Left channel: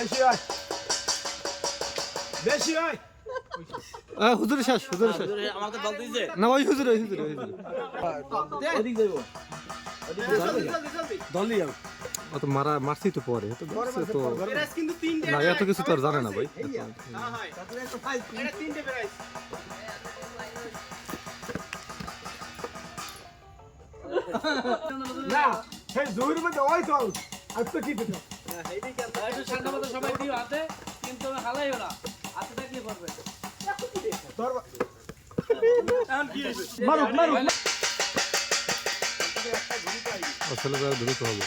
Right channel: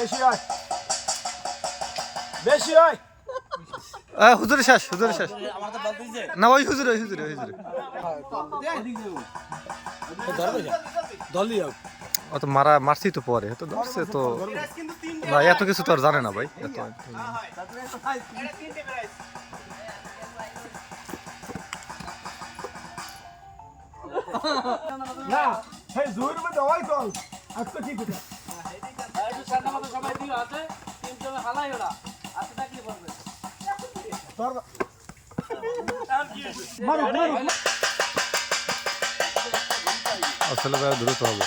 বেশি হয় বেশি হয় হুজুরে শেষ না ওই হুজুরে অত মারছি তো পরে তো ধরছে তো না এত কিছু তো আর জানে না ভাই না হে জোর মধ্যে ওই তো আজকে কি দিতে ঠান্ডা মাথা সবাই দিও হাতে কিন্তু হালাই ওরা হাতে থাকলে পারবে মারুক আসলে ভাই দ্রুত হবে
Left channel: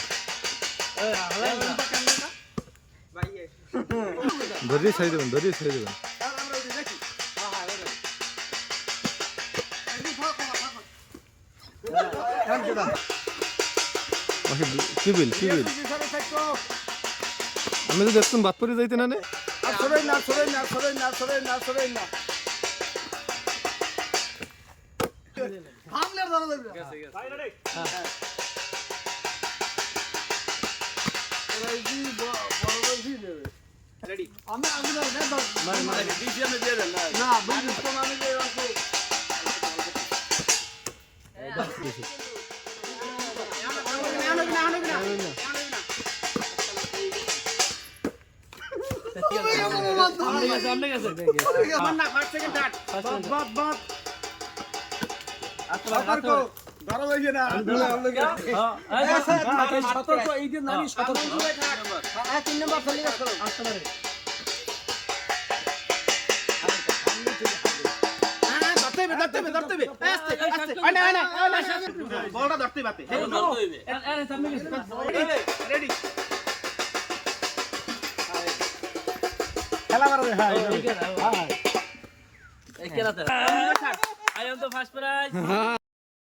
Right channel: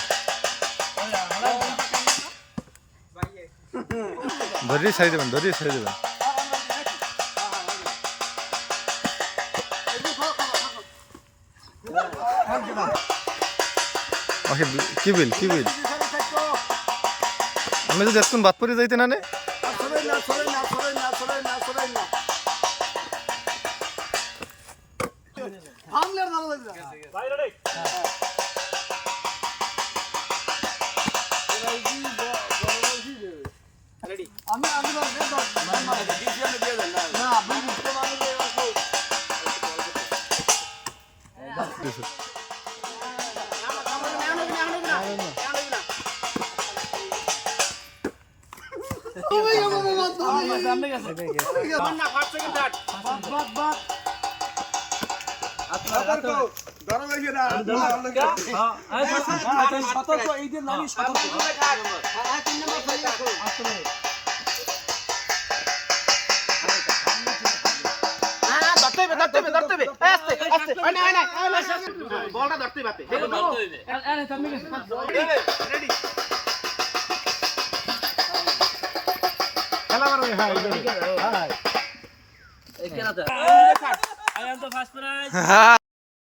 ধরিয়ে ছাড়ি দেবেন কি বিল আমি যদি এখন বাদ পরে যাইতে না বলটা ধরতে পারতে খেলা মারবে হ্যাঁ এই কেনাতে I am the first prize